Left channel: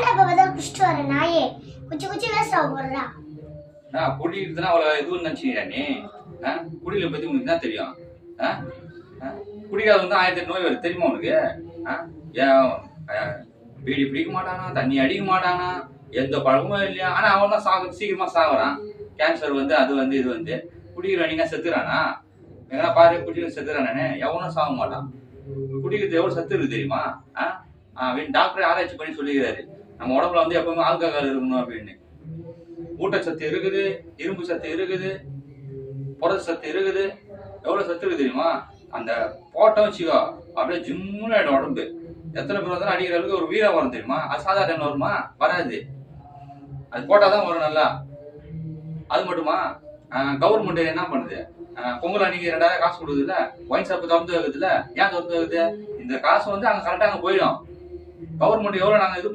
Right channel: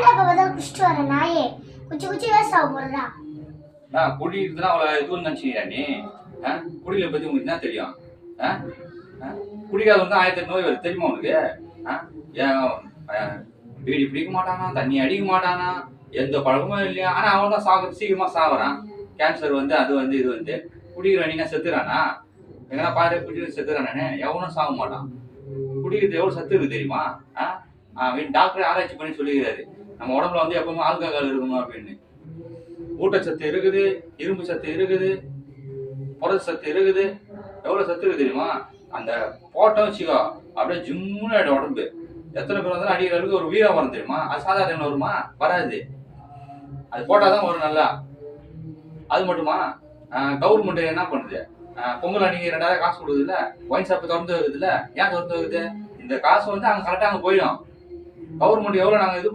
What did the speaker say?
ஏன்டா இப்ப குடிச்சிட்டு வர நாயே குச்சி குச்சி வேஸ்ட் ஆக போறா. நான் குடிக்கிறதுனா அவளை எதுவும் நினைச்சுக்கிறா நீ? குடியில பத்தி உனக்கு என்ன தெரியும்? குடிக்காத வந்து 1008 நோய் வருது தெரியுமா உனக்கு? பீடி பிடிக்க மாட்டானா, தண்ணி அடிக்க மாட்டானா, எந்த பழக்கமும் இல்லையா? ஆனா அவன் தான் சீக்கிரமா சாகுறான். கேன்சர் வந்து அது வந்து இது வந்து குடிக்கிற நீங்க செத்துறானா? எங்கன்னா பாரு குடிக்கிற செத்துறானே, எவனும் சாக மாட்டான். குடிக்கிறது எவ்வளவு சத்து இருக்கு தெரியுமா? டாக்டர் ஆராய்ச்சி பண்ணி சொல்லிக்கிறாரு நம்ம உடம்புல வந்து எப்பவுமே ஆல்கஹால் இருக்கணும் அப்படின்னு. ஊட்டச்சத்து இருக்குது, இரும்பு சத்து இருக்குது, புரத சத்து இருக்குது, எவ்வளவு சத்து இருக்கு தெரியுமா? அந்த போட்டோம் வச்சுக்கோ அப்படியே ஜிம்முன்னு ஆயிடும் உடம்பு. எத்தனை பேர் வந்தாலும் அடிக்கிற அளவுக்கு ஒரு வீரம் வரும் தெரியுமா? அது சாதாரண வருமா? வராது. அது போட்டாதான் வரும் நல்லா. அது மட்டுமா கவர்மெண்ட் என்ன பண்ணுது? பொங்கல் அன்னைக்கு 2000 காசு கொடுக்குதுல்ல, ஒயின் ஷாப் திறந்து வைக்குதுல்ல. ஏன் திறந்து வைக்குது? இந்த காசு வந்து அங்க கரெக்டா அங்க போயிடும். கவர்மெண்ட் எவ்வளவு நாங்க இது